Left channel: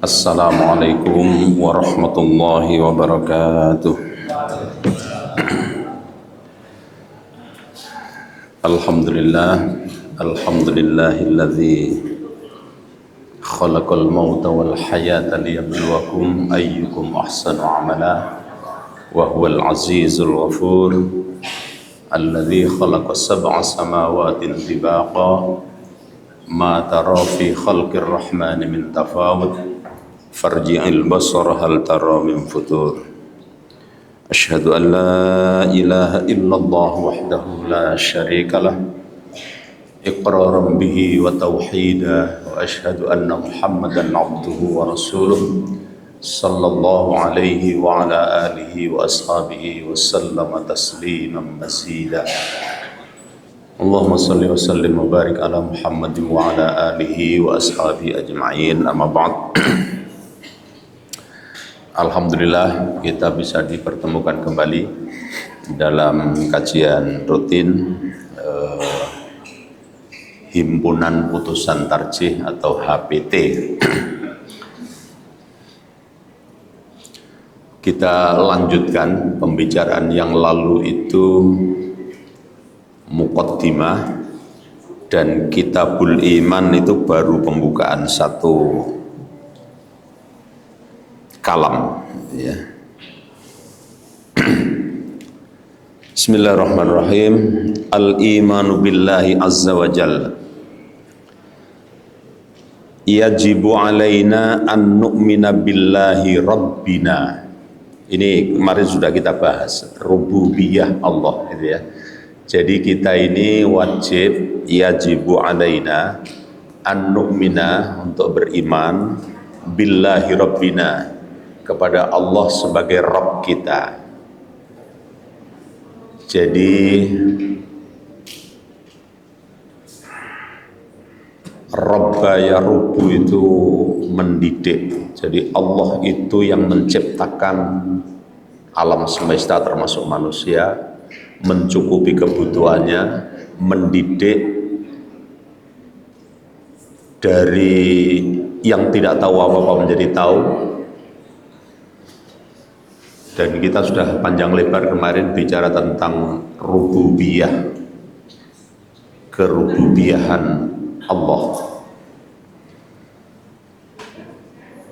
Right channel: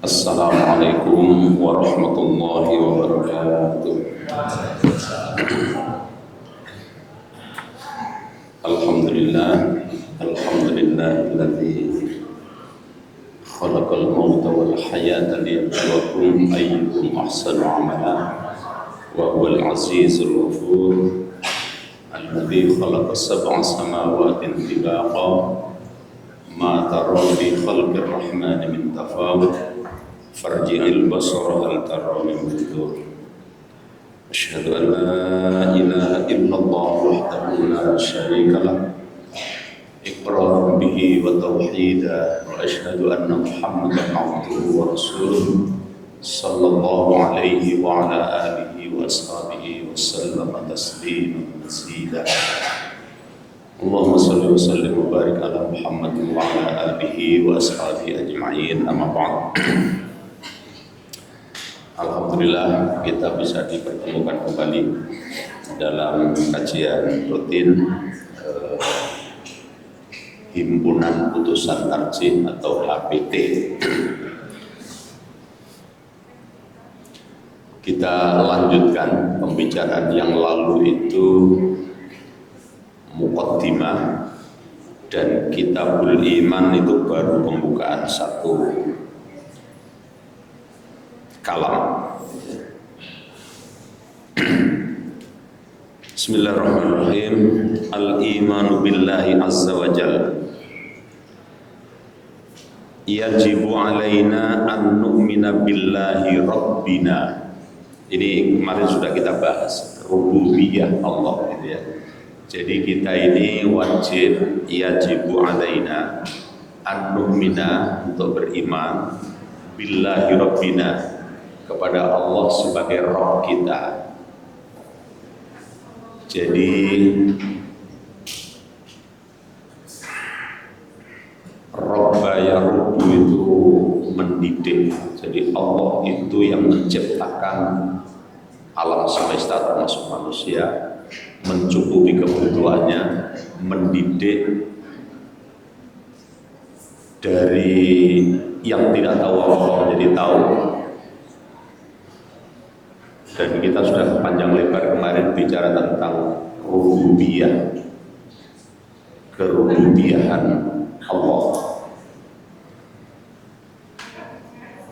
Assalamualaikum warahmatullahi wabarakatuh. Alhamdulillah, alhamdulillahilladzi khalaqal mauta wal hayata liyabluwakum ayyukum ahsanu amala wa huwal azizul ghafur alladzi khalaqa sab'a samawatin tibaqa ma tara fi khalqir rahmani min tafawut farji'il basara hal tara min futur. Asyhadu an la ilaha illallah wahdahu la syarika lah iqraran bihi wa tauhida wa asyhadu anna Muhammadan abduhu wa rasuluh sallallahu alaihi wa ala alihi wa ashabihi wa sallama tasliman mazida. Allahumma salli wa sallim wa barik ala Muhammadin wa ala alihi wa ashabihi ajma'in, amma ba'd. Alhamdulillah kita bisa dipertemukan kembali dalam kajian rutin Himpunan Putusan Tarjih atau HPT. Kita lanjutkan pembicaraan yang lalu itu muqaddimah, dan Kitabul Iman itu baru pembukaan satu kalam, ya. Bismillahirrahmanirrahim. Al-imanu billahi azza wa jalla yajibu alaina an nu'mina billahi rabbina. Ini kemarin sudah kita bahas rububiyah Allah, gitu ya. Jadi kita ini wajib, yajibu alaina an nu'mina, untuk beriman, billahi rabbina, kepada Allah sebagai Rabb kita. Jadi Rabba ya Rabbu itu mendidik. Jadi Allah itu yang menciptakan alam semesta termasuk manusia, mencukupi kebutuhannya, mendidik dari yang tidak tahu apa-apa menjadi tahu. Dan kita sudah panjang lebar kemarin bicara tentang rububiyah, kerububiyahan Allah.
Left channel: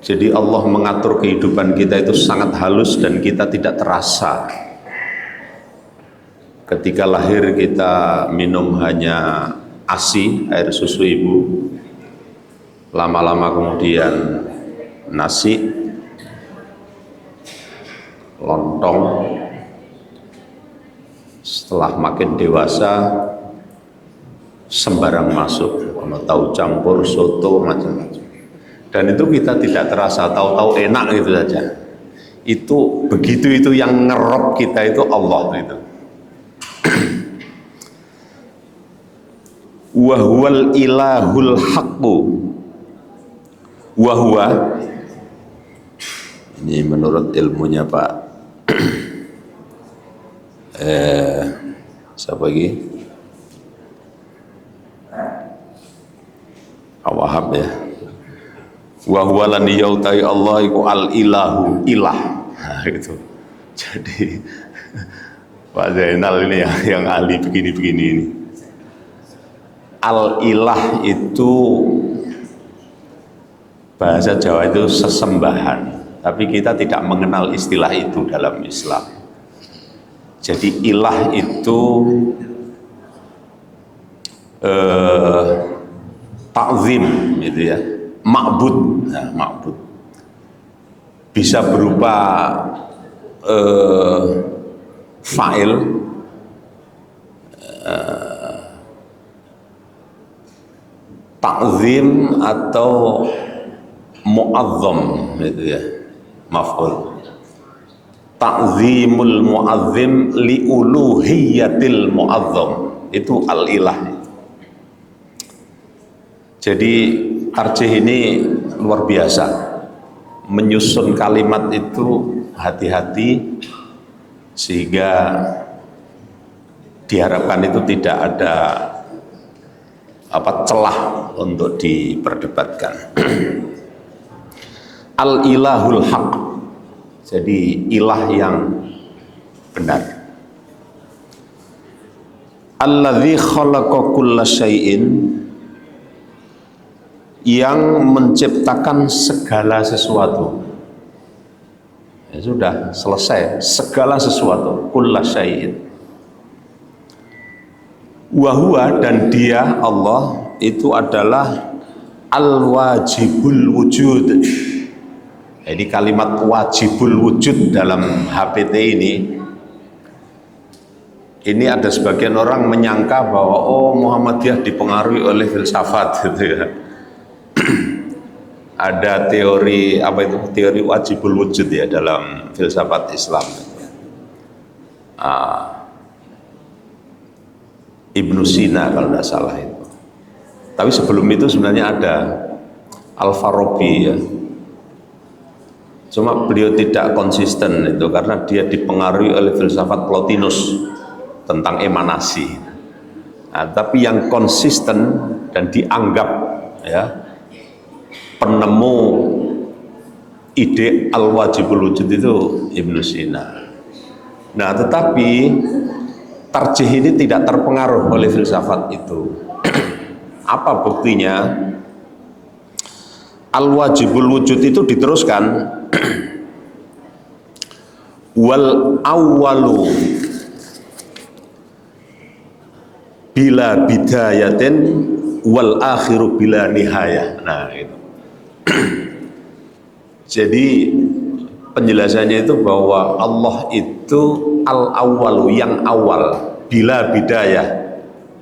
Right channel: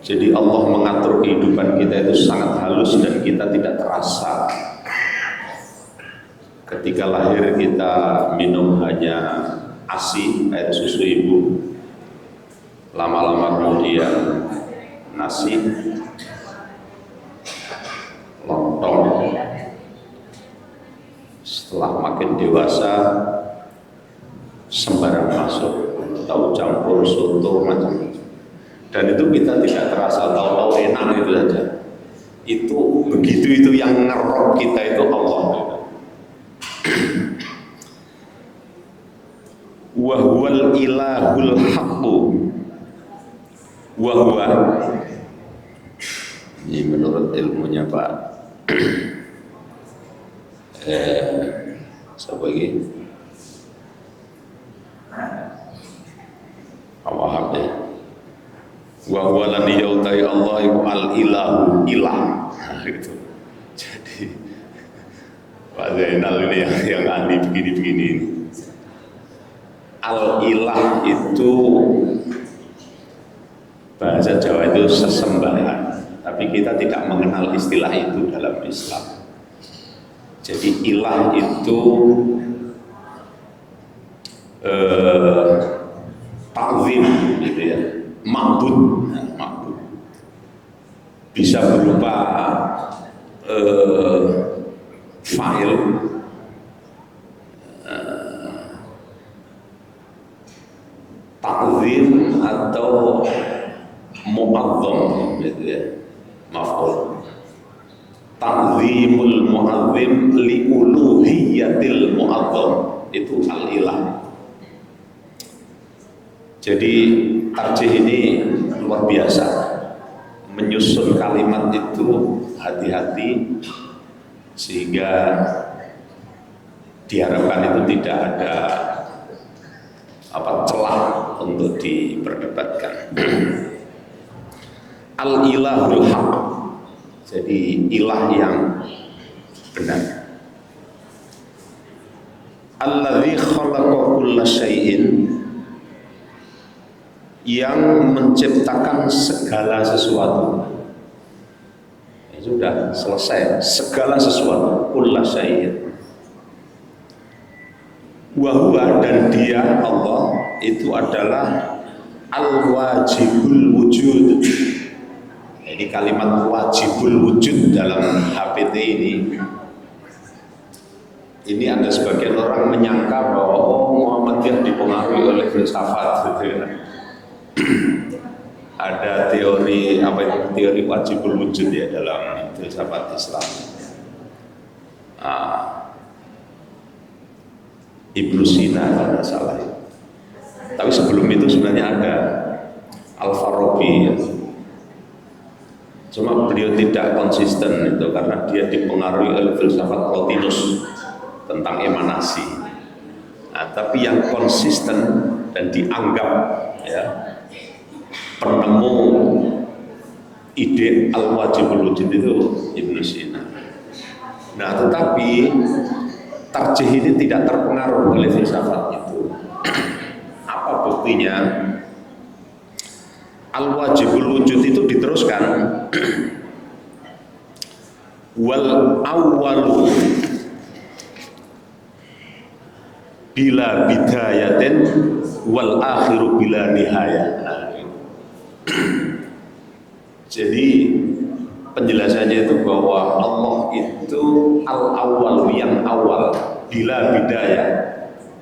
Jadi Allah mengatur kehidupan kita itu sangat halus dan kita tidak terasa. Ketika lahir kita minum hanya ASI, air susu ibu. Lama-lama kemudian nasi, lontong. Setelah makin dewasa sembarang masuk, tahu campur, soto, macam-macam. Dan itu kita tidak terasa, tahu-tahu enak gitu saja. Itu begitu, itu yang ngerok kita itu Allah itu. Wa huwal ilahul haqqu. Wa huwa, ini menurut ilmunya Pak siapa lagi? Wahab ya. Wa huwa lan yautai Allah iku al ilahu ilah. Nah, itu. Jadi Pak Zainal ini yang ahli begini-begini ini. Al ilah itu bahasa Jawa itu sesembahan, tapi kita tidak mengenal istilah itu dalam Islam. Jadi ilah itu ta'zim, gitu ya, ma'bud. Nah, ma'bud bisa berupa fa'il, ta'zim, atau mu'azzam, gitu ya, maf'ul. Ta'zimul mu'azzim li'uluhiyatil mu'azzam, itu al-ilah. Jadi tarjih ini luar biasa, menyusun kalimat itu hati-hati sehingga diharapkan itu tidak ada celah untuk diperdebatkan. al-ilahul haq. Jadi ilah yang benar. Alladzi khalaqa kulla syai'in, yang menciptakan segala sesuatu. Ya sudah selesai, segala sesuatu, kulla syai'in. Wa huwa, dan dia Allah itu adalah al-wajibul wujud. Jadi kalimat wajibul wujud dalam HPT ini ada sebagian orang menyangka bahwa Muhammadiyah dipengaruhi oleh filsafat gitu ya. Ada teori teori wajibul wujud ya dalam filsafat Islam. Ibnu Sina kalau tidak salah itu. Tapi sebelum itu sebenarnya ada Al-Farabi ya. Cuma beliau tidak konsisten itu karena dia dipengaruhi oleh filsafat Plotinus tentang emanasi. Nah, tapi yang konsisten dan dianggap ya penemu ide al-wajibul wujud itu Ibnu Sina. Nah, tetapi tarjih ini tidak terpengaruh oleh filsafat itu. Apa buktinya? Al-wajibul wujud itu diteruskan wal awwalu bila bidayatin wal akhiru bila nihayah. Nah, itu. Jadi penjelasannya itu bahwa Allah itu al-awwalu, yang awal, bila bidayah,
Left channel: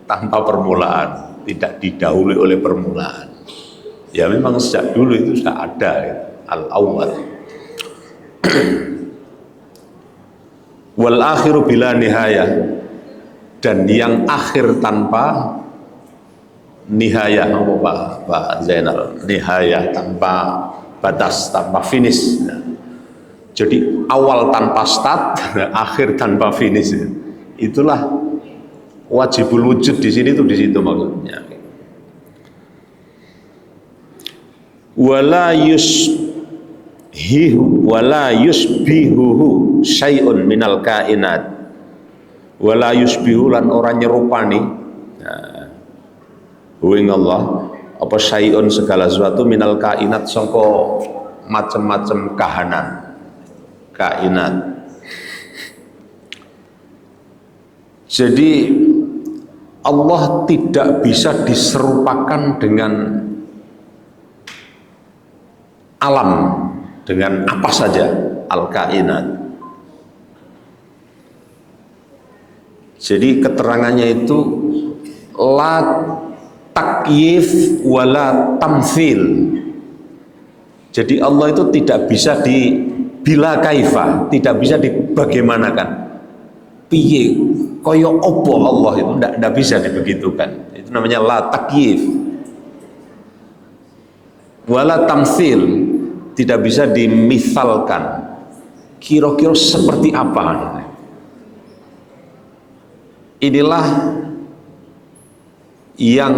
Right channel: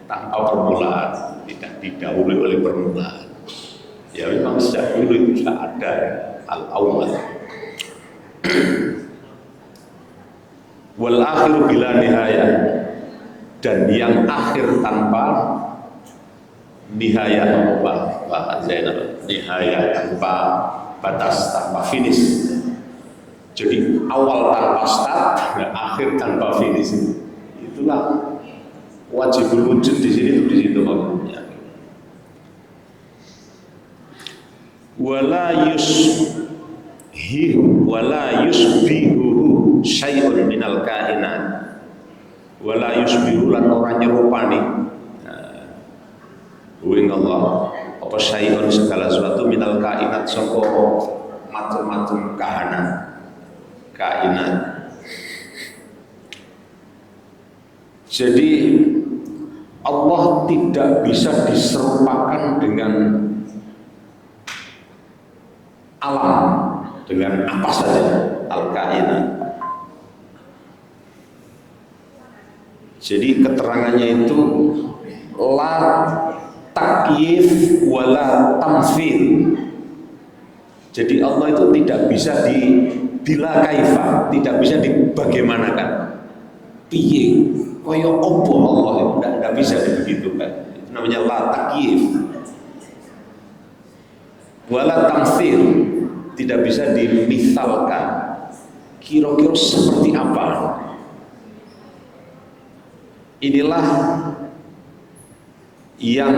tanpa permulaan, tidak didahului oleh permulaan. Ya memang sejak dulu itu sudah ada ya, al-awwal. Wal akhiru bila nihayah, dan yang akhir tanpa nihayah. Pak Zainal, nihayah tanpa batas, tanpa finish. Jadi awal tanpa start, akhir tanpa finish. Itulah wajibul wujud di sini, tuh di situ maksudnya. Wala yusbihuhu syai'un minal kainat, wala yusbihu, lan orang nyerupani huing Allah apa syai'un, segala sesuatu, minal kainat, saka macam-macam kainat. Jadi Allah tidak bisa diserupakan dengan alam, dengan apa saja, al-kainat. Jadi keterangannya itu la takyif wala tamfil. Jadi Allah itu tidak bisa bila kaifa, tidak bisa dibagaimanakan. Piye, koyo opo Allah itu tidak bisa dibegitukan. Itu namanya la takyif wala tamfil, tidak bisa dimisalkan. Kira-kira seperti apa? Inilah yang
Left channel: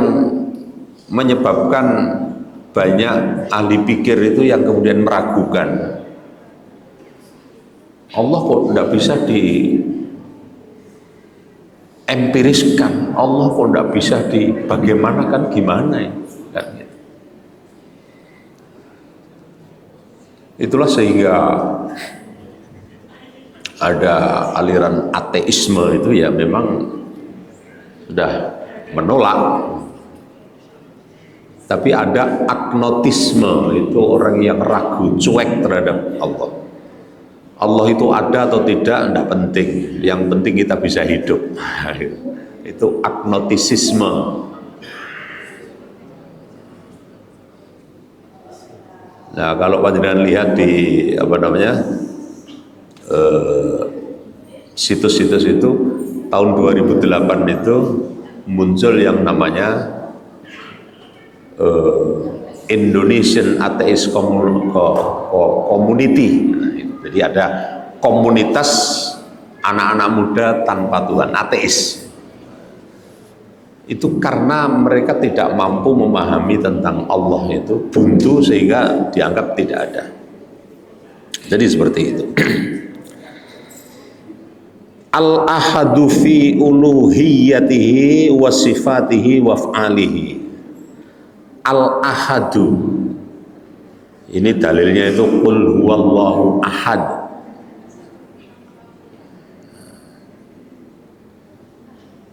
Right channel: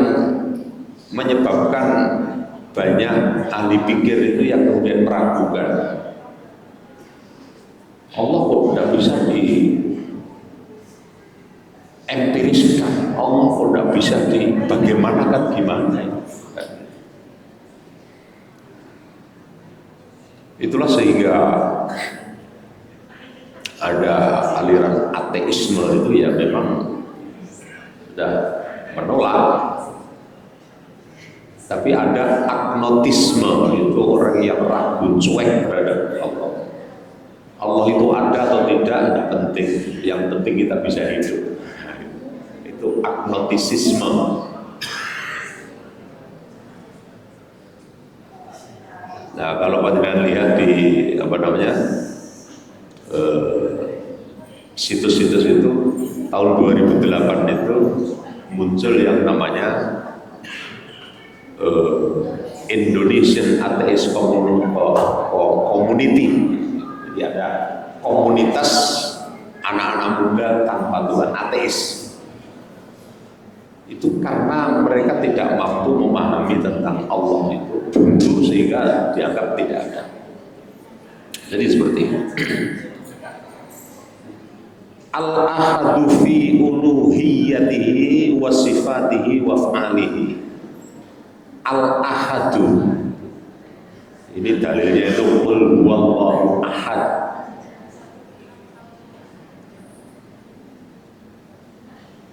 menyebabkan banyak ahli pikir itu yang kemudian meragukan Allah kok tidak bisa diempiriskan, Allah kok tidak bisa dibagaimanakan, gimana ya? Itulah sehingga ada aliran ateisme itu ya memang sudah menolak. Tapi ada agnotisme, itu orang yang ragu, cuek terhadap Allah. Allah itu ada atau tidak penting, yang penting kita bisa hidup. Itu agnotisisme. Nah, kalau panjenengan lihat di situs-situs itu tahun 2008 itu muncul yang namanya Indonesian Atheist Community. Jadi ada komunitas anak-anak muda tanpa Tuhan, ateis. Itu karena mereka tidak mampu memahami tentang Allah, itu buntu sehingga dianggap tidak ada. Jadi seperti itu. Al-ahadu fi uluhiyatihi wa sifatihi wa af'alihi. Al-ahadu, ini dalilnya itu qul huwallahu ahad.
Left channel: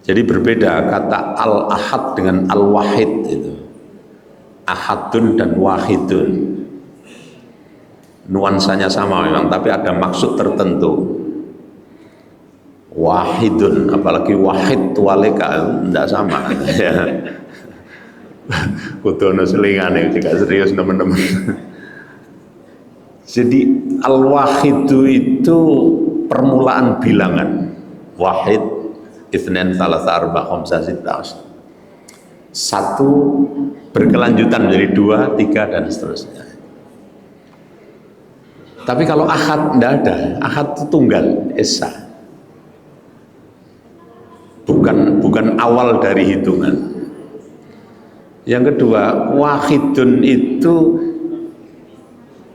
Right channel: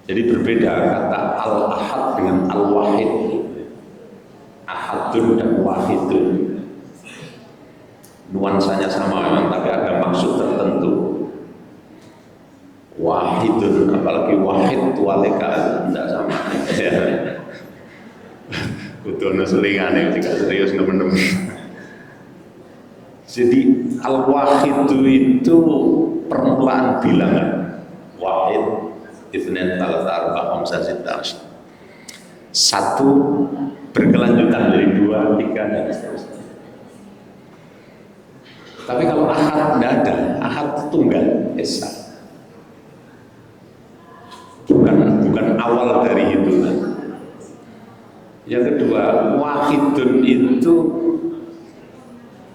Jadi berbeda kata al-ahad dengan al-wahid itu. Ahadun dan wahidun. Nuansanya sama memang, tapi ada maksud tertentu. Wahidun, apalagi wahid walika tidak sama. Kudono selingane jika serius teman-teman. Jadi al-wahidu itu permulaan bilangan. Wahid, itsnain, tsalatsa, arba'a, khamsa, sitta, satu berkelanjutan menjadi dua, tiga, dan seterusnya. Tapi kalau ahad tidak ada, ahad itu tunggal, esa. Bukan awal dari hitungan. Yang kedua, wahidun itu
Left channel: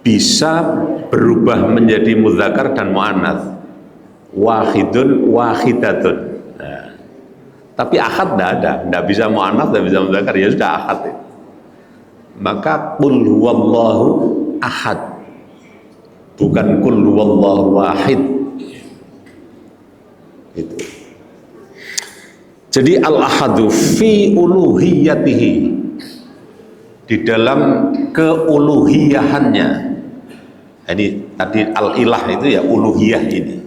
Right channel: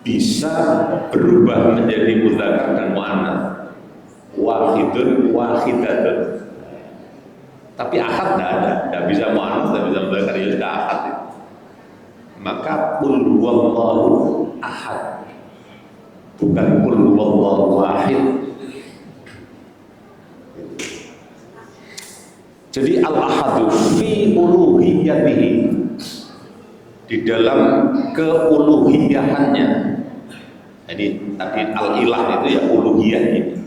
bisa berubah menjadi mudzakar dan muannats. Wahidun, wahidatun. Nah, tapi ahad tidak bisa muannats, tidak bisa mudzakar, ya sudah ahad. Maka qul huwallahu ahad, bukan qul huwallahu wahid. Itu. Jadi al-ahadu fi uluhiyatihi, di dalam keuluhiyahannya. Ini tadi al-ilah itu ya uluhiyah ini.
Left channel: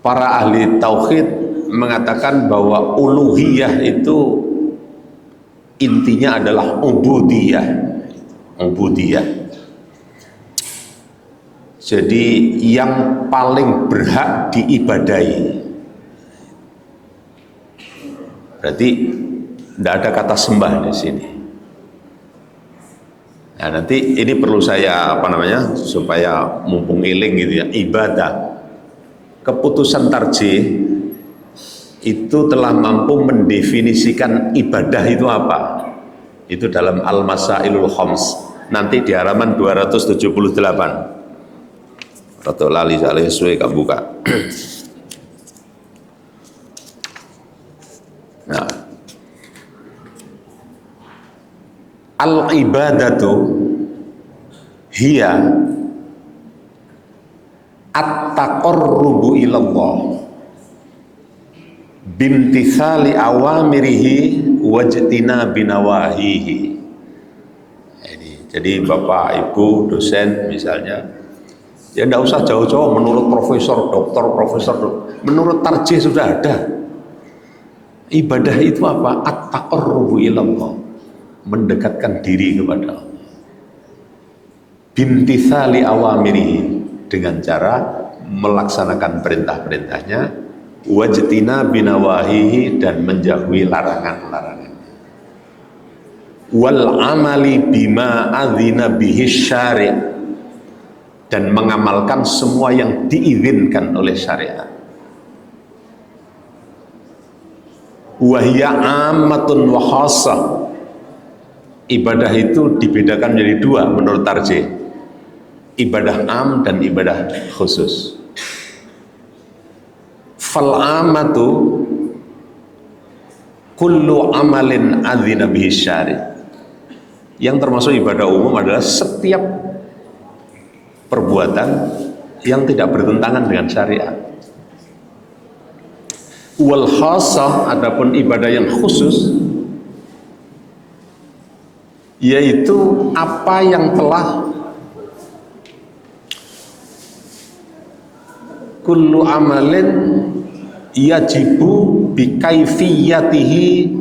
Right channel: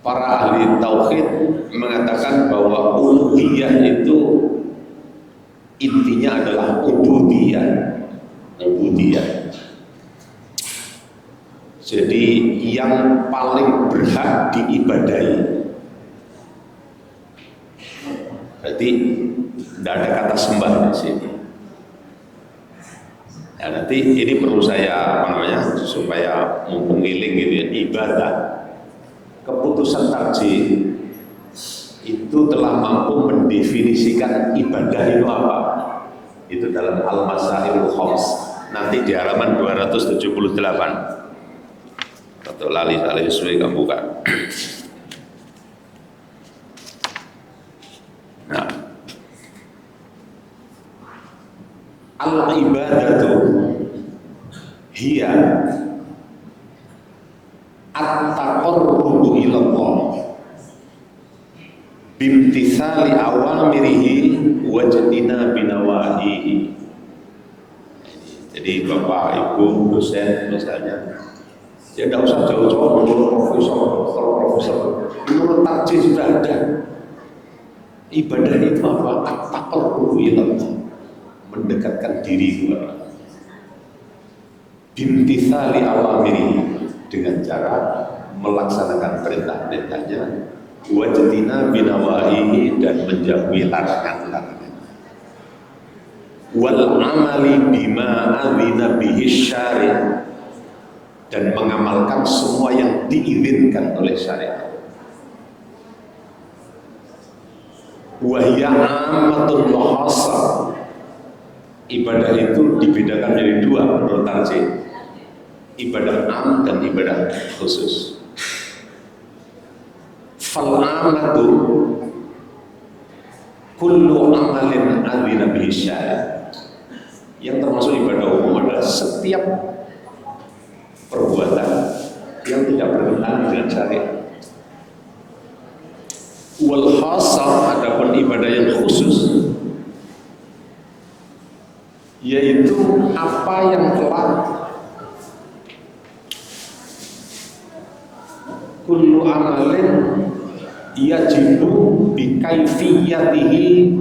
Para ahli tauhid mengatakan bahwa uluhiyah itu intinya adalah ubudiyah. Ubudiyah. Jadi yang paling berhak diibadahi. Berarti tidak ada kata sembah di sini. Nah, nanti ini perlu saya supaya mumpung iling gitu ya, ibadah. Keputusan tarjih itu telah mampu mendefinisikan ibadah itu apa. Itu dalam Al-Masailul Khams. Nanti di halaman 278. Atau lali suwe kamu buka. Nah, al-ibadatu hiya at-taqarrubu ilallah bimtithali awamirihi wajtina binawahihi. Jadi Bapak Ibu dosen misalnya, ya tidak usah jauh-jauh menurut profesor, doktor, menurut tarjih sudah ada. Ibadah itu apa? At-taqarrubu ilallah, mendekatkan diri kepada Allah. Bimtithali awamirihi, dengan cara melaksanakan perintah-perintahnya, wajtina binawahihi, dan menjauhi larangan-larangan. Wal amali bima adzina bihi syari', dan mengamalkan semua yang diizinkan oleh syariat. Wahya ammatun wa khassah, ibadah itu dibedakan menjadi dua menurut tarjih, ibadah am dan ibadah khusus. Fal amatu kullu amalin adzina bihi syari', yang termasuk ibadah umum adalah setiap perbuatan yang tidak bertentangan dengan syariat. Wal khassah, adapun ibadah yang khusus, yaitu apa yang telah kullu amalin yajibu bi kaifiyatihi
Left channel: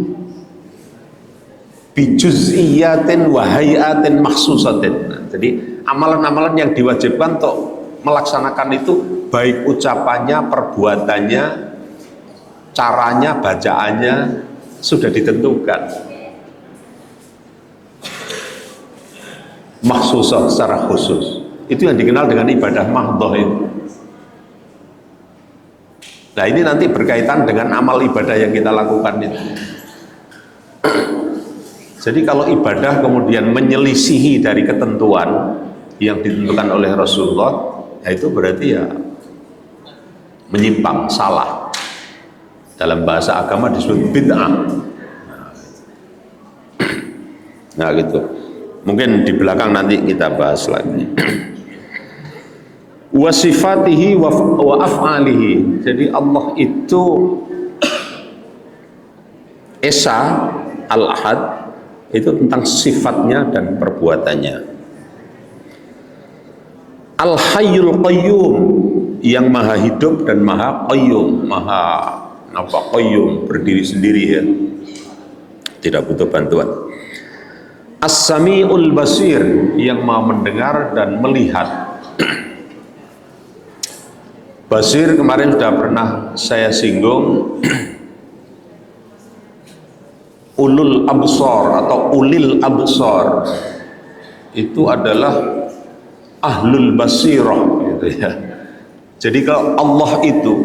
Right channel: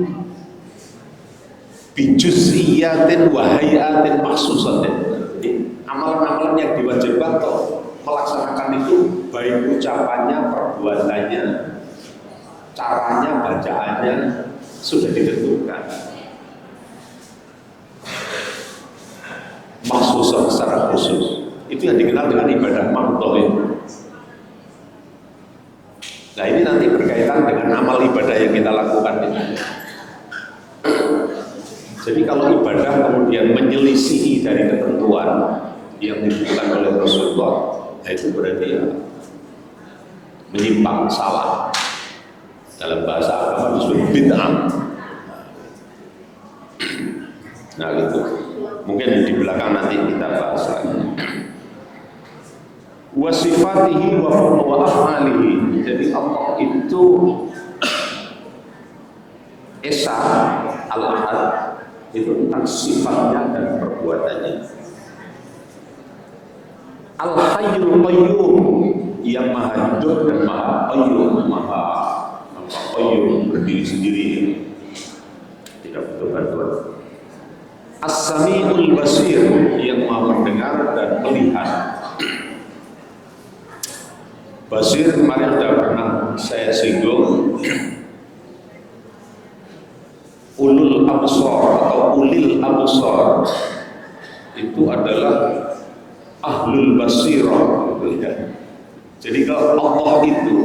bi juz'iyatin wa hayatin makhsusatin. Jadi amalan-amalan yang diwajibkan untuk melaksanakan itu, baik ucapannya, perbuatannya, caranya, bacaannya sudah ditentukan. Makhsusah, secara khusus. Itu yang dikenal dengan ibadah mahdhah itu. Nah, ini nanti berkaitan dengan amal ibadah yang kita lakukan itu. Jadi kalau ibadah kemudian menyelisihi dari ketentuan, yang ditentukan oleh Rasulullah, itu berarti ya menyimpang, salah. Dalam bahasa agama disebut bid'ah. Nah gitu. Mungkin di belakang nanti kita bahas lagi. Wa sifatihi wa af'alihi. Jadi Allah itu Esa Al-Ahad, itu tentang sifatnya dan perbuatannya. Al-Hayyul Qayyum, yang maha hidup dan maha qayyum, maha qayyum, berdiri sendiri ya, tidak butuh bantuan. As-Sami'ul Basir, yang maha mendengar dan melihat. Basir kemarin sudah pernah saya singgung. Ulul absar atau ulil absar itu adalah ahlul basirah gitu ya. Jadi kalau Allah itu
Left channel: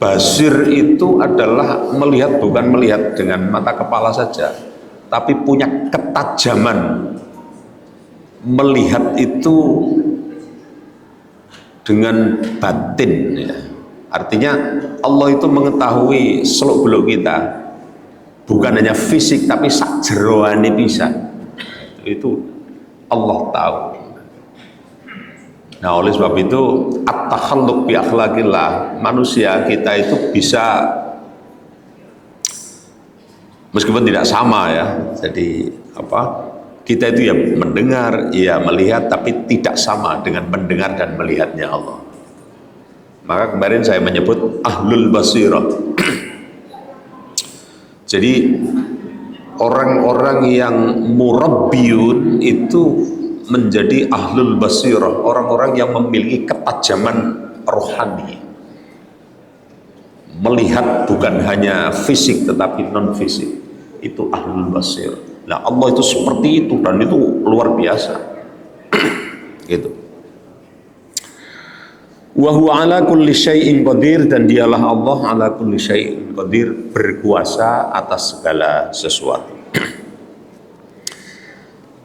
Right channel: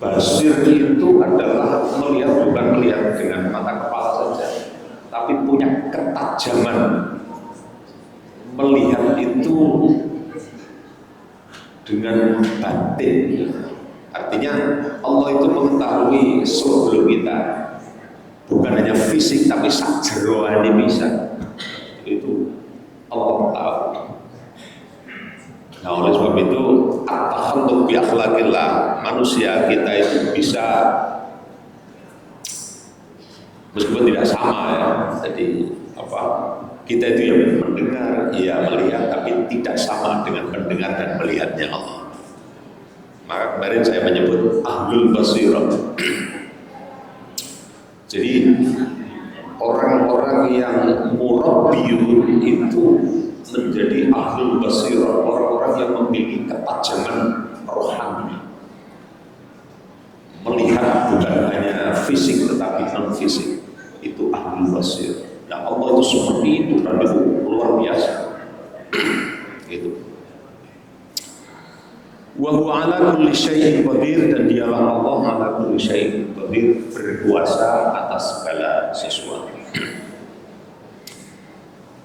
basir, itu adalah melihat, bukan melihat dengan mata kepala saja, tapi punya ketajaman melihat itu dengan batin ya. Artinya Allah itu mengetahui seluk-beluk kita, bukan hanya fisik tapi sak jeroane bisa. Itu Allah tahu. Nah, oleh sebab itu at-takhalluq bi akhlaqillah, manusia kita itu bisa, meskipun tidak sama ya. Jadi kita itu ya mendengar, ya melihat, tapi tidak sama dengan mendengar dan melihatnya Allah. Maka kemarin saya menyebut ahlul basirah. Jadi orang-orang yang murabbiyun itu menjadi ahlul basirah, orang-orang yang memiliki ketajaman rohani, melihat bukan hanya fisik tetapi non fisik, itu ahlul basirah. Nah, Allah itu seperti itu, dan itu luar biasa. Gitu. Wa huwa ala kulli syai'in qadir, dan dialah Allah ala kulli syai'in qadir, berkuasa atas segala sesuatu.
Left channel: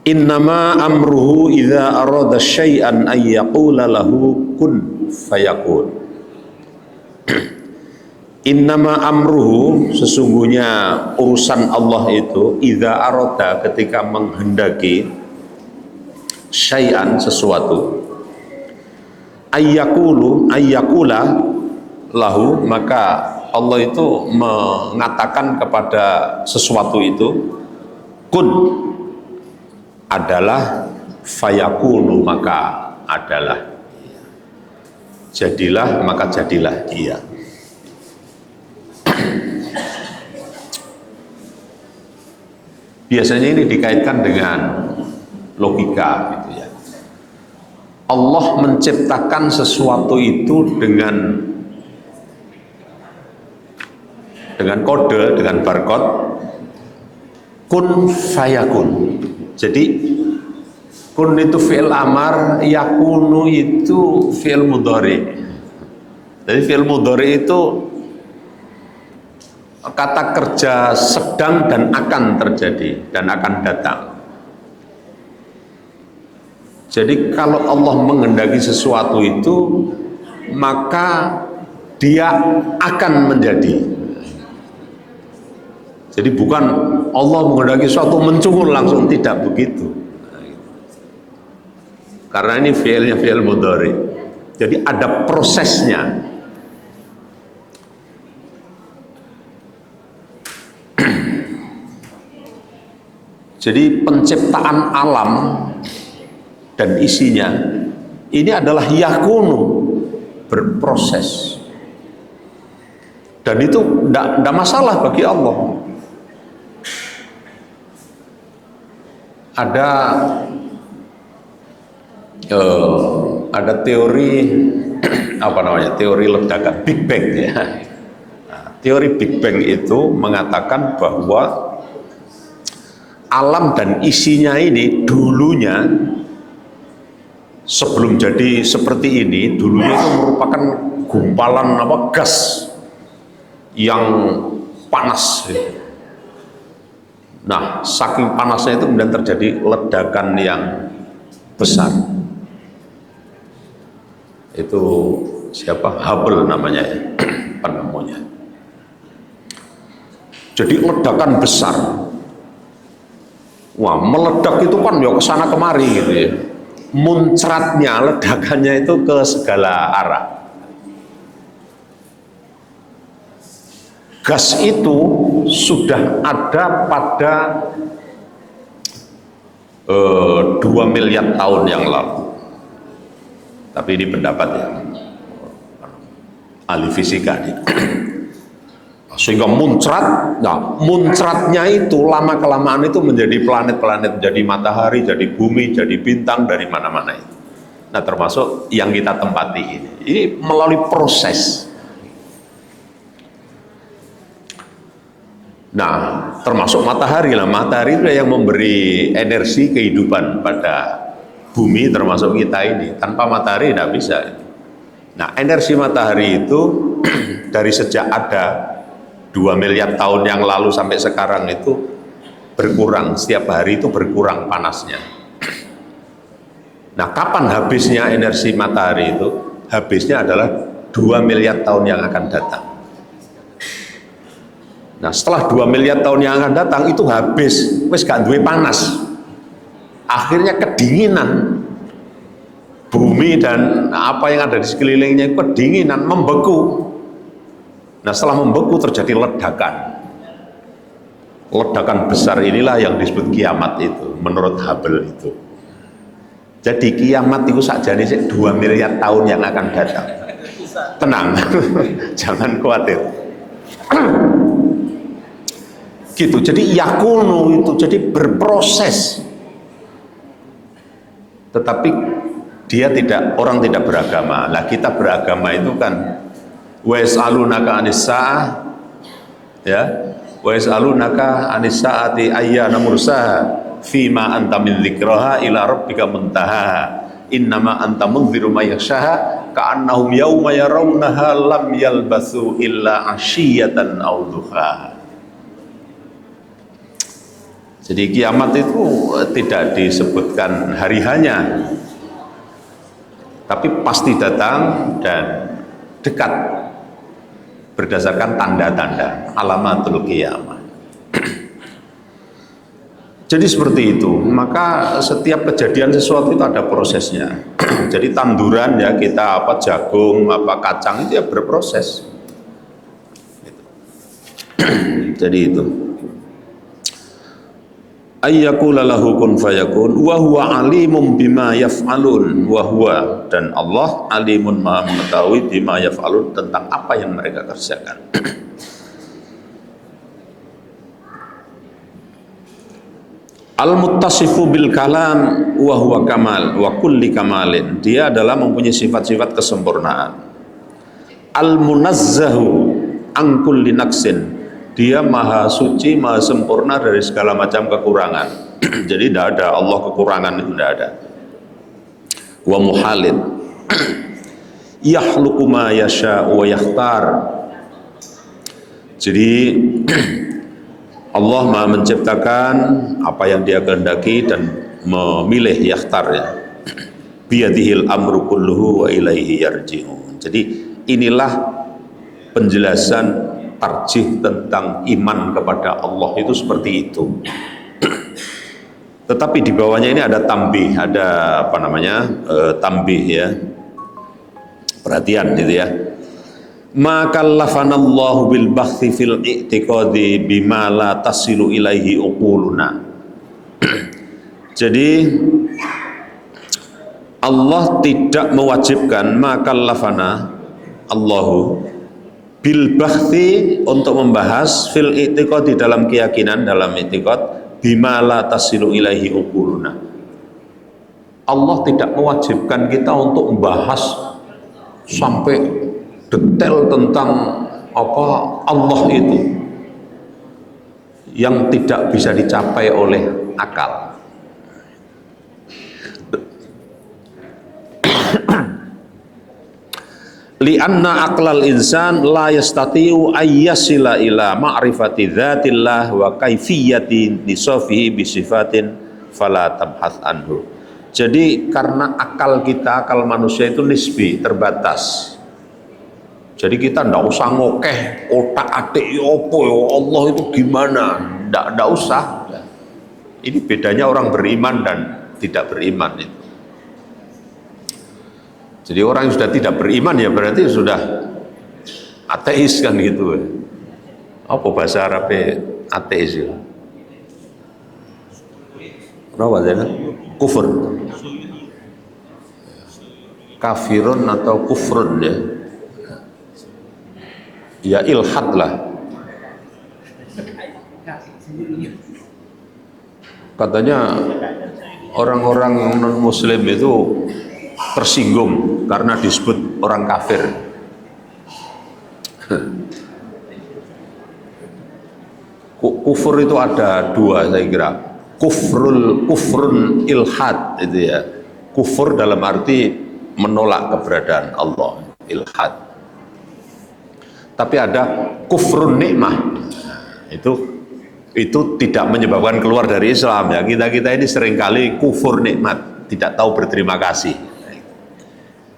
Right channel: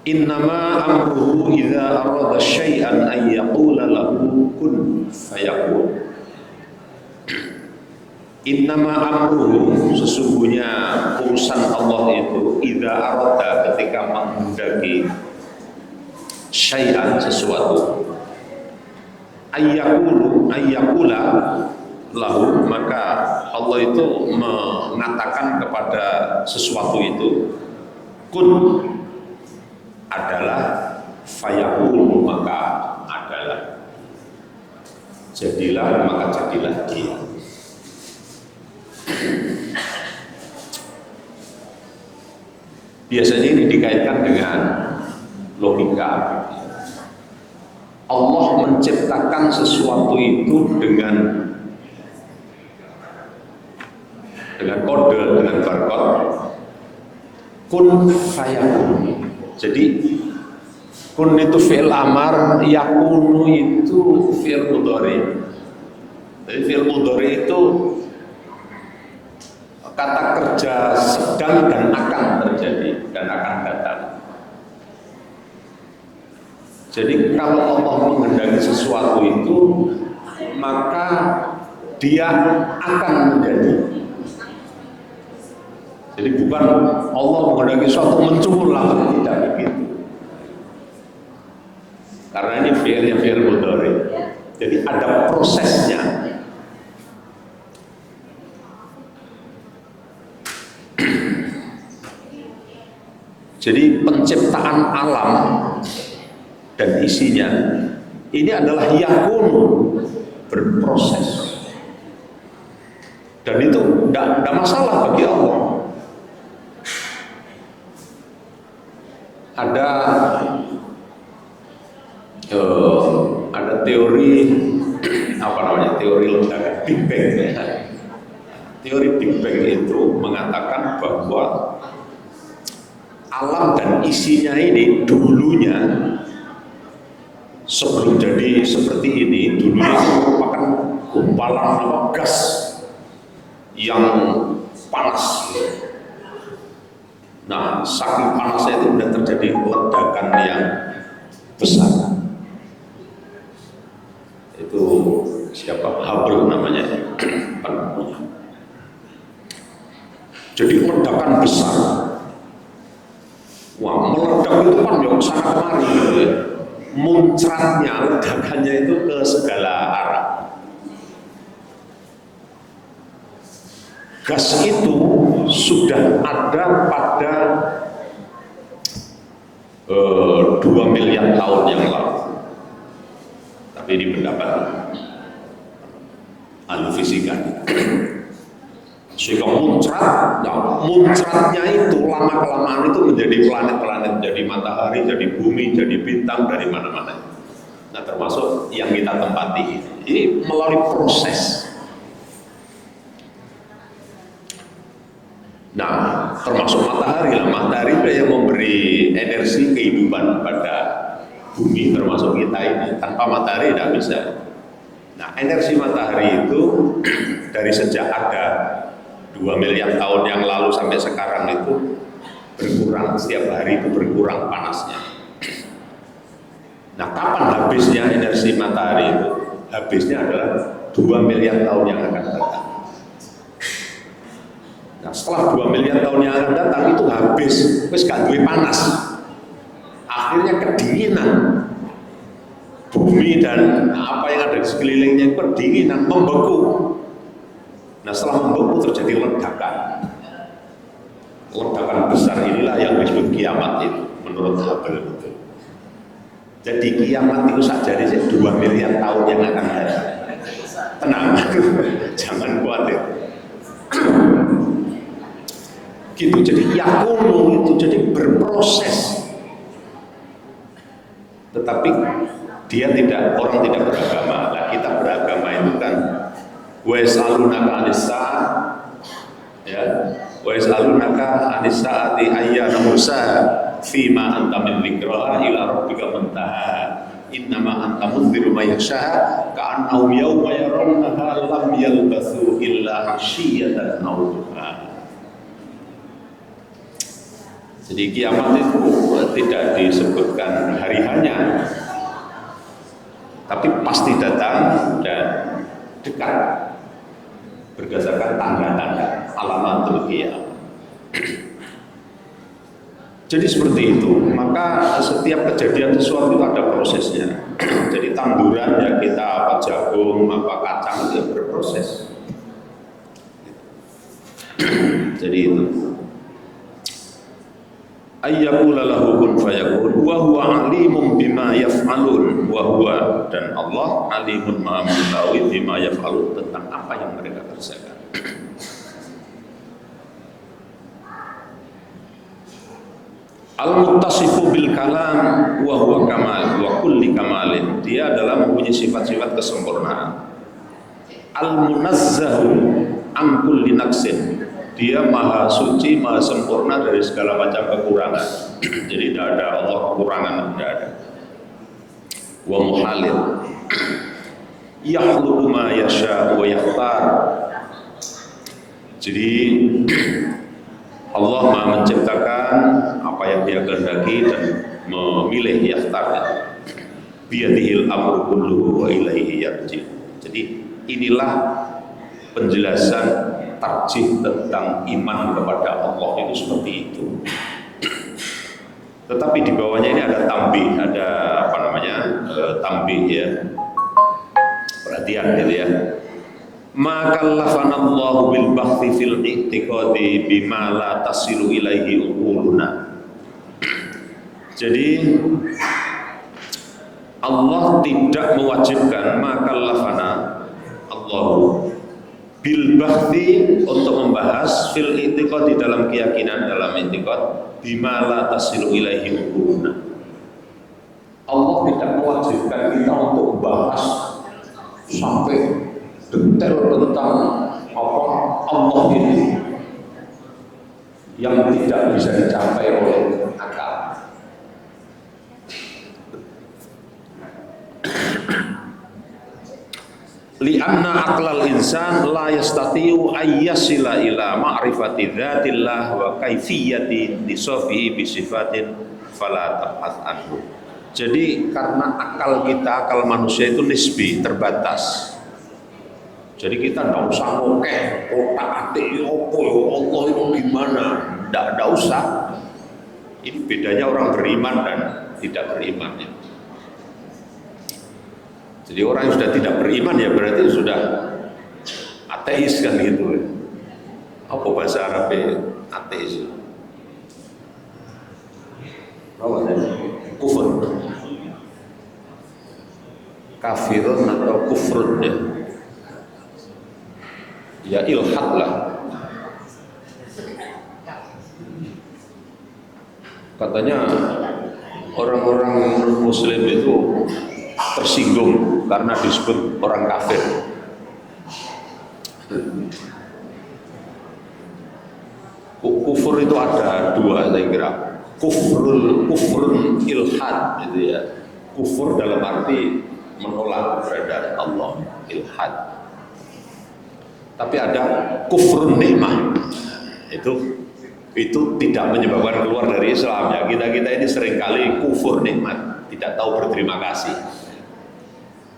Innama amruhu idza arada syai'an ay yaqula lahu kun fayakun. Innama amruhu, sesungguhnya urusan Allah itu, idza arada, ketika menghendaki, syai'an, sesuatu, ayyakula lahu, maka Allah itu mengatakan kepada sesuatu itu, kun, adalah, fayakunu, maka adalah, jadilah, maka jadilah dia. Biasanya ini dikaitkan dengan logika gitu ya. Allah menciptakan sesuatu itu dengan kode, dengan barcode, kun fayakun. Jadi kun itu fi'il amar, yakunu itu fi'il mudhari. Jadi fi'il mudhari itu kata kerja sedang dan akan terjadi dan akan datang. Jadi kalau Allah menghendaki sesuatu itu, maka dia akan menjadi. Jadi bukan Allah menghendaki sesuatu mencungkul langsung, tidak begitu. Karena ini fi'ilnya fi'il mudhari. Jadi ada prosesnya. Jadi penciptaan alam dan isinya ini adalah yakunu, berproses, dan itu tidak masalah bagi Allah. Ada teori teori ledakan Big Bang ya. Nah, teori Big Bang itu mengatakan bahwa alam dan isinya ini dulunya, sebelum jadi seperti ini, dulunya itu merupakan gumpalan gas yang panas. Nah, saking panasnya itu kemudian terjadi ledakan yang besar. Itu siapa? Hubble namanya, penemunya. Jadi ledakan besar. Wah, meledak itu kan ya kesana kemari gitu ya. Muncratnya, ledakannya itu ke segala arah. Gas itu sudah ada pada 2 miliar tahun yang lalu. Tapi ini pendapat ahli fisika nih. Sehingga muncrat, nah muncratnya itu lama-kelamaan itu menjadi planet-planet, menjadi matahari, jadi bumi, jadi bintang dari mana-mana. Nah termasuk yang kita tempati ini melalui proses. Nah termasuk matahari lah, matahari itu yang memberi energi kehidupan pada bumi termasuk kita ini. Tanpa matahari tidak bisa. Nah energi matahari itu dari sejak ada 2 miliar tahun yang lalu sampai sekarang itu berkurang, setiap hari itu berkurang panasnya. Nah kapan habisnya energi matahari itu? Habisnya adalah 2 miliar tahun yang akan datang. Nah setelah 2 miliar tahun yang akan datang itu habis, wis gak duwe panas. Akhirnya kedinginan bumi dan apa yang ada di sekelilingnya kedinginan, membeku. Nah setelah membeku terjadi ledakan. Ledakan besar inilah yang disebut kiamat itu menurut Hubble itu. Jadi kiamat itu sakjane 2 miliar tahun yang akan datang. Tenang, jangan khawatir. Gitu, jadi yakunu itu jadi berproses. Tetapi dia tidak, orang tidak beragama. Nah kita beragama itu kan wa yas'alunaka 'anis sa'ah, ya, wa yas'alunaka 'anis sa'ati ayyana mursaha fima anta min dzikraha ila rabbika muntaha innama anta mundhiru may yakhshaha ka'annahum yawma yarawnaha lam yalbathu illa 'ashiyatan aw duha. Jadi kiamat itu tidak disebutkan hari hanya, tapi pasti datang dan dekat berdasarkan tanda-tanda alamatul qiyamah. Jadi seperti itu, maka setiap kejadian sesuatu itu ada prosesnya. Jadi tanduran ya kita apa jagung, apa kacang itu ya berproses. Jadi itu. Ayyakula lahu kun fayakun wa huwa alimun bima yaf'alun wa huwa, dan Allah alimun maha mengetahui bima yaf'alun, tentang apa yang mereka kerjakan. Al-muttasifu bil kalam wa huwa kamal wa kulli kamalin, dia adalah mempunyai sifat-sifat kesempurnaan. Al-munazzahu an kulli naqsin, dia maha suci, maha sempurna dari segala macam kekurangan. Jadi tidak ada Allah kekurangan, tidak ada. Wa muhalin yakhluqu ma yasha wa yakhtar. Jadi Allah maha menciptakan apa yang dia kehendaki dan memilih, yakhtarnya. Biyadihil amru kulluhu wa ilaihi yarji'un. Jadi inilah penjelasan tarjih tentang iman kepada Allah itu seperti itu. Tetapi di bawahnya ini ada tambih, ada apa namanya, tambih ya. Perhatian gitu ya. Ma kallafanallahu bil bahthi fil i'tiqadi bima la tasilu ilaihi uquluna. Jadi Allah tidak mewajibkan, ma kallafana Allahu bil bahthi, untuk membahas fil i'tiqad, di dalam keyakinan, dalam i'tiqad, bima la tasilu ilaihi uquluna. Allah tidak mewajibkan kita untuk membahas sampai detail tentang apa Allah itu yang tidak bisa dicapai oleh akal. Li'anna aqlal insan la yastati'u ayyasila ila ma'rifati dzatillah wa kaifiyati nisafihi bi sifatin fala tabhath anhu. Jadi karena akal kita, akal manusia itu nisbi, terbatas. Jadi kita ndak usah ngokeh otak atik opo ya Allah itu gimana, ndak usah. Ini bedanya orang beriman dan tidak beriman ya. Jadi orang yang sudah tidak beriman ya berarti sudah ateis kan gitu. Apa bahasa Arabnya ateis ya? Apa ya? Kufur. Kafirun atau kufrun ya. Ya ilhad lah. Katanya orang-orang non-muslim itu tersinggung karena disebut orang kafir. Kufur itu ada dua saya kira. Kufrun ilhad itu ya. Kufur dalam arti menolak keberadaan Allah, ilhad. Tapi ada kufrun nikmah. Itu tidak menyebabkan keluar dari Islam ya. Kita ini seringkali kufur nikmat, tidak tahu berterima kasih.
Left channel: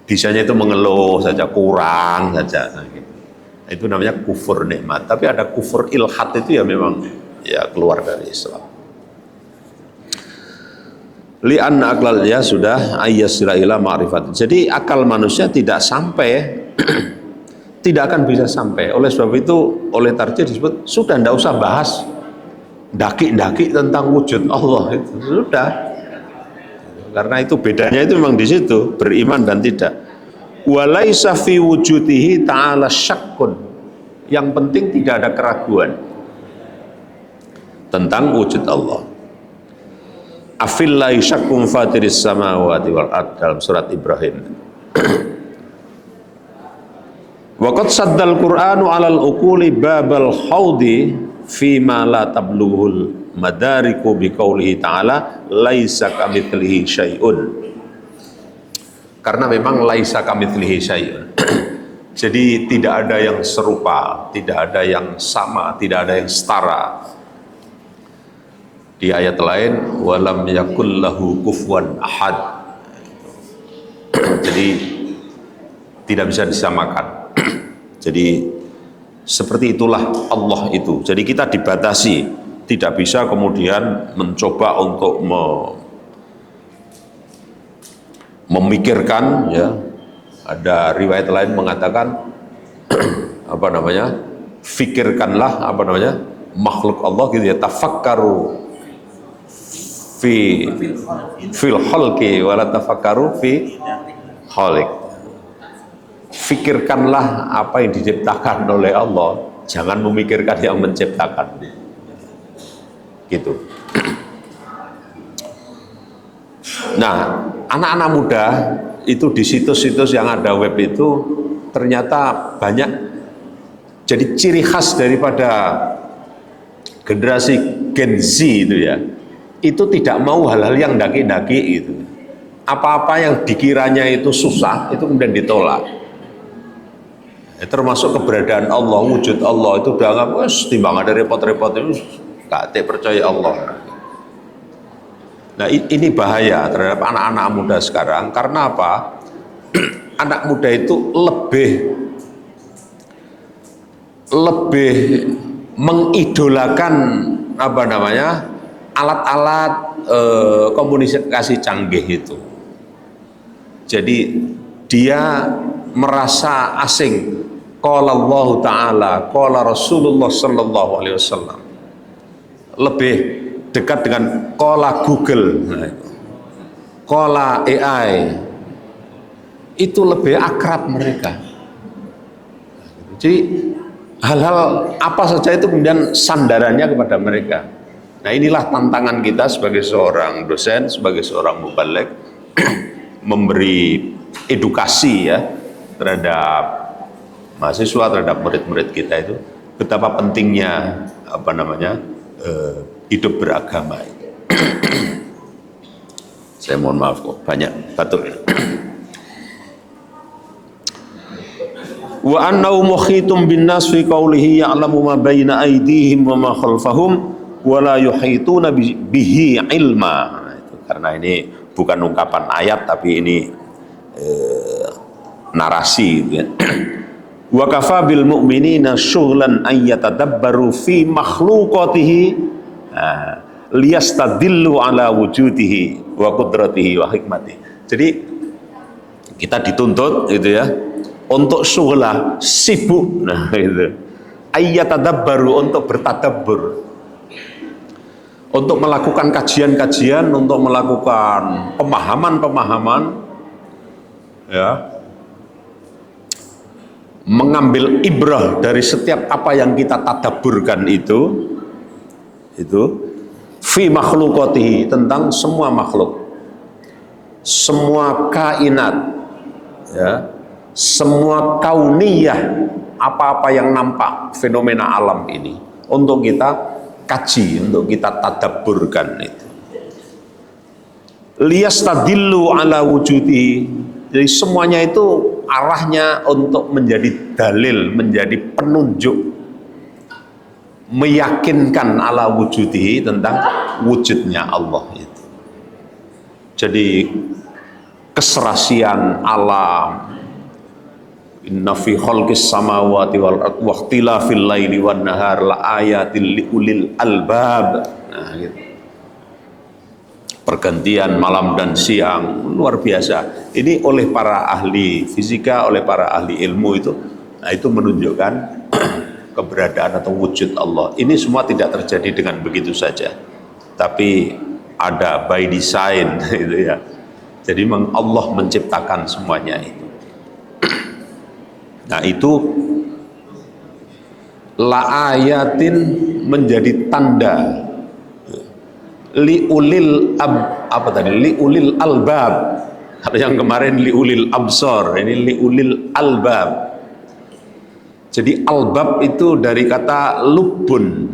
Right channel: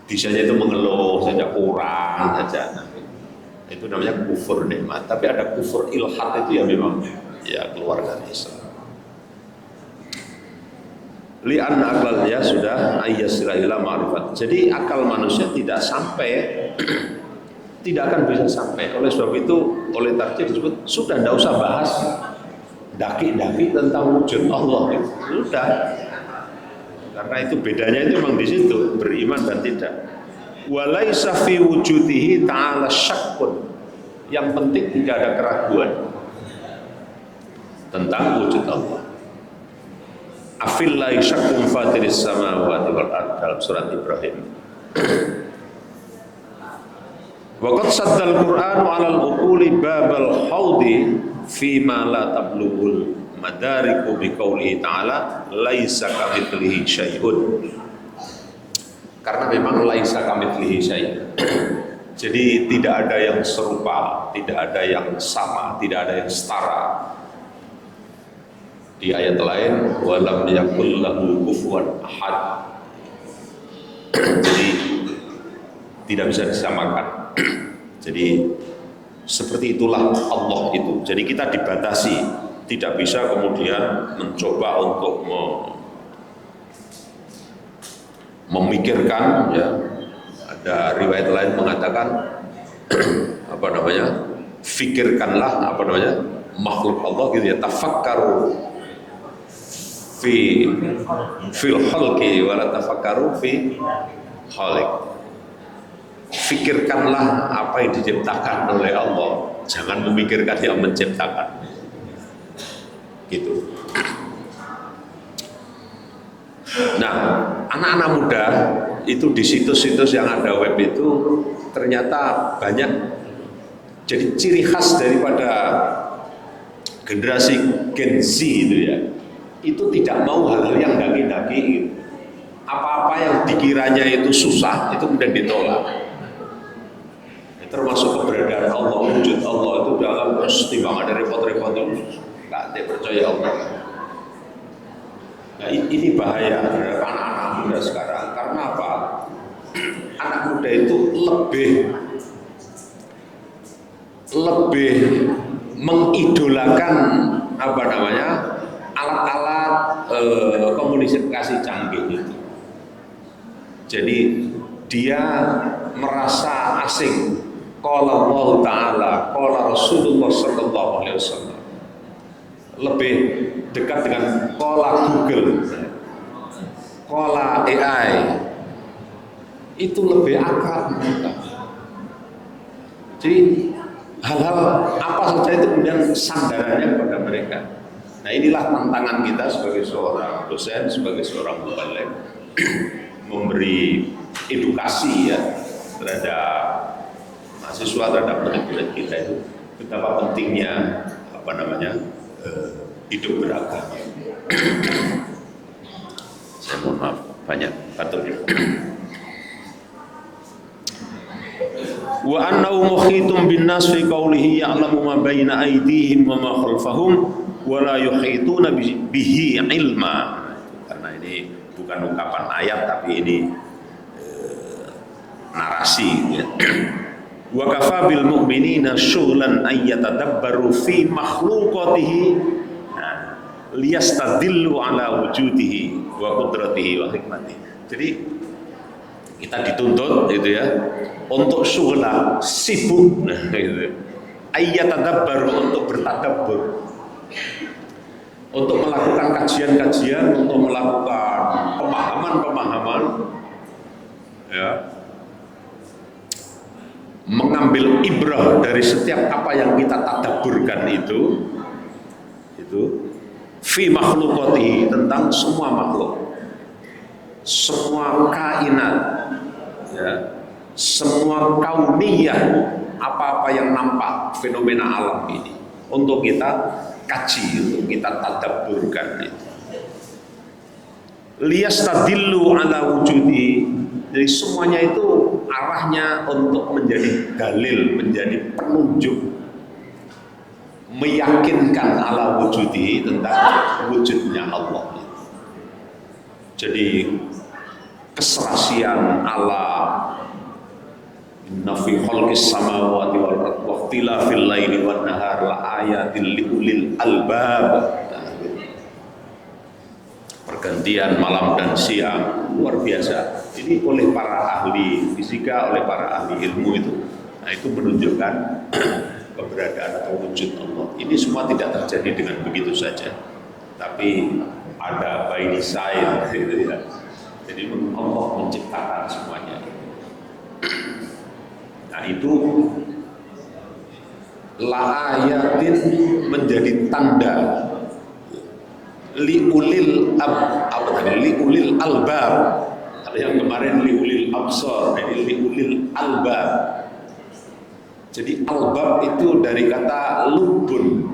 Bisanya itu mengeluh saja, kurang saja. Nah, itu namanya kufur nikmat. Tapi ada kufur ilhad itu ya memang ya keluar dari Islam. Li'anna aklal ya sudah ayyasila ila ma'rifat. Jadi akal manusia tidak sampai tidak akan bisa sampai. Oleh sebab itu oleh tarjih disebut sudah tidak usah bahas daki-daki tentang wujud Allah. Sudah. Karena itu bedanya itu memang di situ, beriman dan tidak. Walaisa fi wujudihi ta'ala syakkun. Yang penting tidak ada keraguan tentang wujud Allah. Afillahi syakkum fatiris samawati wal ard dalam surat Ibrahim. Waqad saddal Qur'anu 'alal uquli babal haudi fi ma la tablughul madariku biqaulihi ta'ala laisa kamitslihi syai'un. Karena memang laisa kamitslihi syai'un. Jadi tidak ada yang serupa, tidak ada yang sama, tidak ada yang setara. Di ayat lain walam yakul lahu kufuwan ahad. Jadi tidak bisa disamakan. Jadi seperti itulah Allah itu. Jadi kita dibatasi, tidak bisa kemudian mencoba untuk memikirkan ya. Ada riwayat lain mengatakan apa namanya? Fikirkanlah apa namanya? Makhluk Allah gitu ya, tafakkaru fil khalqi wala tafakkaru fi khaliq. Fikirkanlah apa yang diciptakan oleh Allah, jangan memikirkan yang menciptakan. Gitu. Nah, anak-anak muda itu di situs-situs yang ada web itu ternyata banyak. Jadi ciri khas daripada generasi Gen Z itu ya, itu tidak mau hal-hal yang daki-daki itu. Apa-apa yang dikiranya itu susah itu kemudian ditolak. Ya, termasuk keberadaan Allah, wujud Allah itu dalam timbang ada repot-repot itu gak percaya Allah. Nah ini bahaya terhadap anak-anak muda sekarang. Karena apa? Anak muda itu lebih mengidolakan apa namanya alat-alat komunikasi canggih itu. Jadi dia merasa asing. Qala Allah Ta'ala, qala Rasulullah Sallallahu Alaihi Wasallam. Lebih dekat dengan qala Google, qala AI. Itu lebih akrab mereka. Jadi hal-hal apa saja itu kemudian sandarannya kepada mereka. Nah inilah tantangan kita sebagai seorang dosen, sebagai seorang mubaligh memberi edukasi ya terhadap mahasiswa, terhadap murid-murid kita itu betapa pentingnya apa namanya hidup beragama. Saya mohon maaf kok banyak batuk. Wa annahu mukhitum bin nas fi qawlihi ya'lamu ma baina aydihim wa ma khalfahum wa la yuhituna bihi ilma. Karena ini bukan ungkapan ayat tapi ini narasi ya. Wa kafa bil mu'minina syughlan an yatadabbaru fi makhluqatihi liyastadillu ala wujudihi wa qudratihi wa hikmatihi. Jadi kita dituntut gitu ya untuk syughla, sibuk, nah itu ayyatadabbaru, untuk bertadabbur, untuk melakukan kajian-kajian, untuk melakukan pemahaman-pemahaman ya, mengambil ibrah dari setiap apa yang kita tadabburkan itu fi makhluqatihi, tentang semua makhluk, semua kainat ya, semua kauniyah, apa-apa yang nampak fenomena alam ini untuk kita kaji, untuk kita tadabburkan itu. Liyastadillu ala wujudi, jadi semuanya itu arahnya untuk menjadi dalil, menjadi penunjuk, meyakinkan ala wujudi, tentang wujudnya Allah itu. Jadi keserasian alam, inna fi khalqis samawati wal ardi wa ikhtilafil laili wan nahar la ayatil liulil albab. Nah, gitu. Pergantian malam dan siang luar biasa. Ini oleh para ahli fisika, oleh para ahli ilmu itu, nah itu menunjukkan keberadaan atau wujud Allah. Ini semua tidak terjadi dengan begitu saja, tapi ada by design gitu ya. Jadi Allah menciptakan semuanya itu. Nah itu la ayatin, menjadi tanda liulil liulil albab. Ada yang kemarin liulil absor, ini liulil albab. Jadi albab itu dari kata lubun,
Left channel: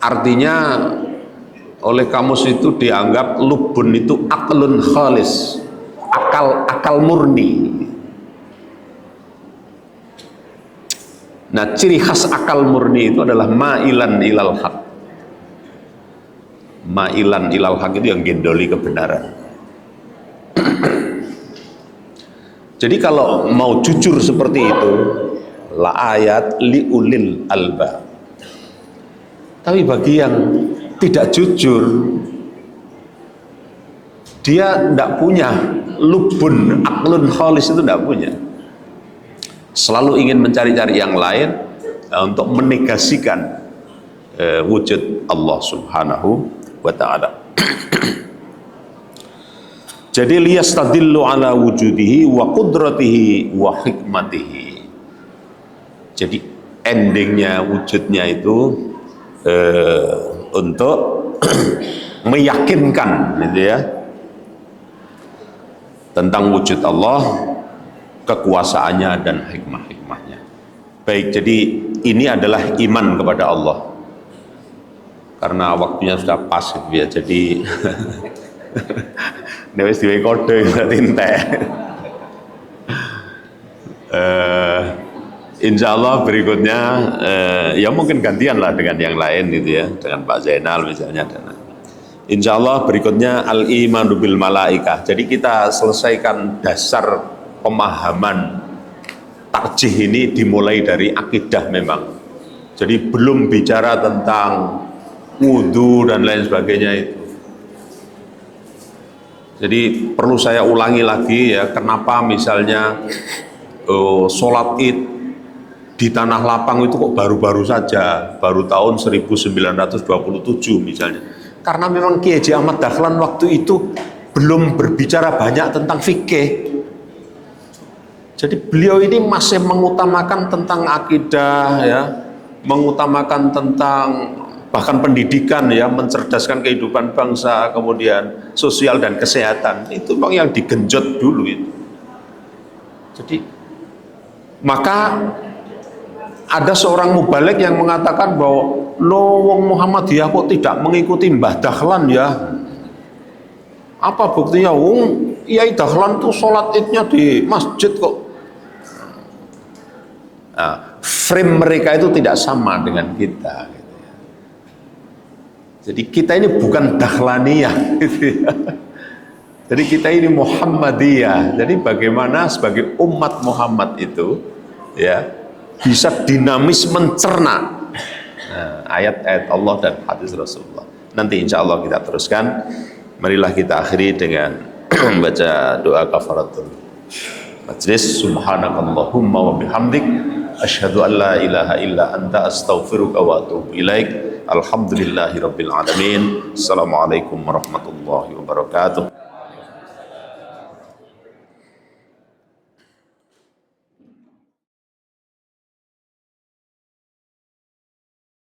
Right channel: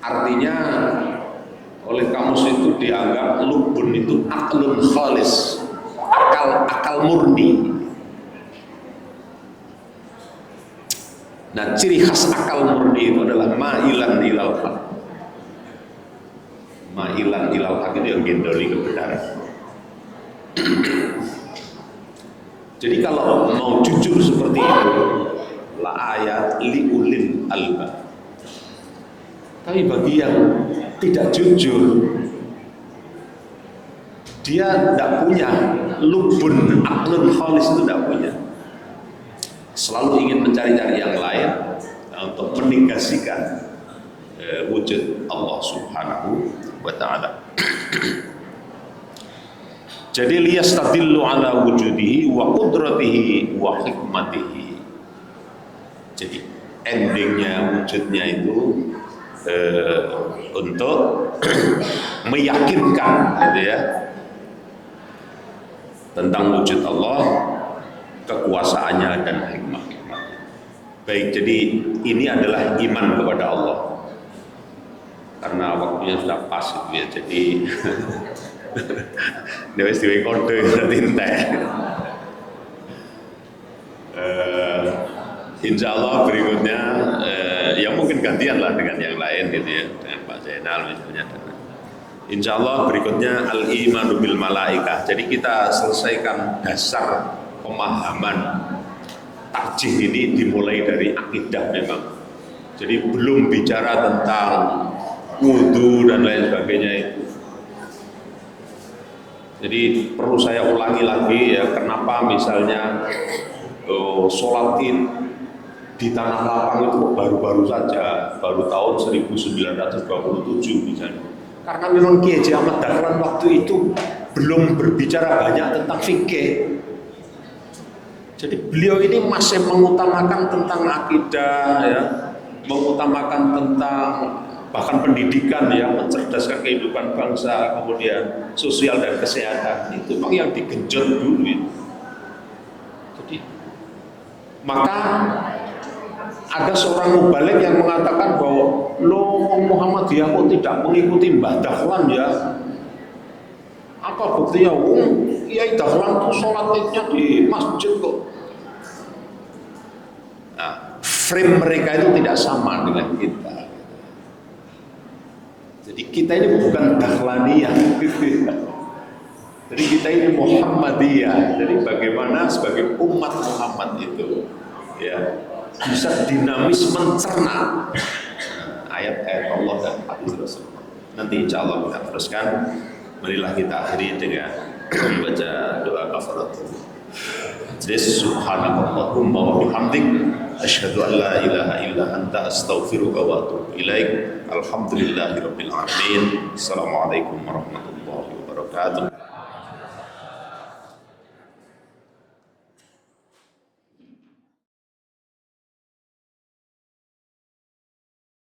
artinya oleh kamus itu dianggap lubun itu aklun khalis, akal murni. Nah, ciri khas akal murni itu adalah ma'ilan ilal haq. Ma'ilan ilal haq itu yang gendoli kebenaran. Jadi kalau mau jujur seperti itu, la ayat liulil albab. Tapi bagi yang tidak jujur, dia tidak punya lubun aklun khalis, itu tidak punya. Selalu ingin mencari-cari yang lain untuk menegasikan wujud Allah Subhanahu wa ta'ala. Jadi liyastadillu ala wujudihi wa qudratihi wa hikmatihi. Jadi endingnya, wujudnya itu untuk meyakinkan gitu ya, tentang wujud Allah, kekuasaannya dan hikmah-hikmahnya. Baik, jadi ini adalah iman kepada Allah. Karena waktunya sudah pas gitu ya, jadi wis diwe kode berarti entek. Insya Allah berikutnya ya mungkin gantian lah dengan yang lain gitu ya, dengan Pak Zainal misalnya. Insya Allah berikutnya al-imanu bil malaikah. Jadi kita selesaikan dasar pemahaman tarjih ini dimulai dari akidah memang. Jadi belum bicara tentang wudu dan lain sebagainya itu. Jadi perlu saya ulangi lagi ya, kenapa misalnya sholat id di Tanah Lapang itu kok baru-baru saja, baru tahun 1927 misalnya. Karena memang Kiai Haji Ahmad Dahlan waktu itu belum berbicara banyak tentang fikih. Jadi beliau ini masih mengutamakan tentang akidah ya, mengutamakan tentang bahkan pendidikan ya, mencerdaskan kehidupan bangsa, kemudian sosial dan kesehatan. Itu bang yang digenjot dulu itu. Jadi maka ada seorang mubalik yang mengatakan bahwa lo wong Muhammadiyah kok tidak mengikuti Mbah Dahlan ya. Apa buktinya? Yai Dahlan tuh sholat idnya di masjid kok. Nah, frame mereka itu tidak sama dengan kita. Jadi kita ini bukan Dahlaniyah gitu ya. Jadi kita ini Muhammadiyah. Jadi bagaimana sebagai umat Muhammad itu ya bisa dinamis mencerna ayat-ayat Allah dan hadis Rasulullah. Nanti insya Allah kita teruskan. Marilah kita akhiri dengan membaca doa kafaratul majlis. Subhanakallahumma wa bihamdik asyhadu an la ilaha illa anta astaghfiruka wa atubu ilaik. Alhamdulillahi rabbil alamin. Assalamualaikum warahmatullahi wabarakatuh.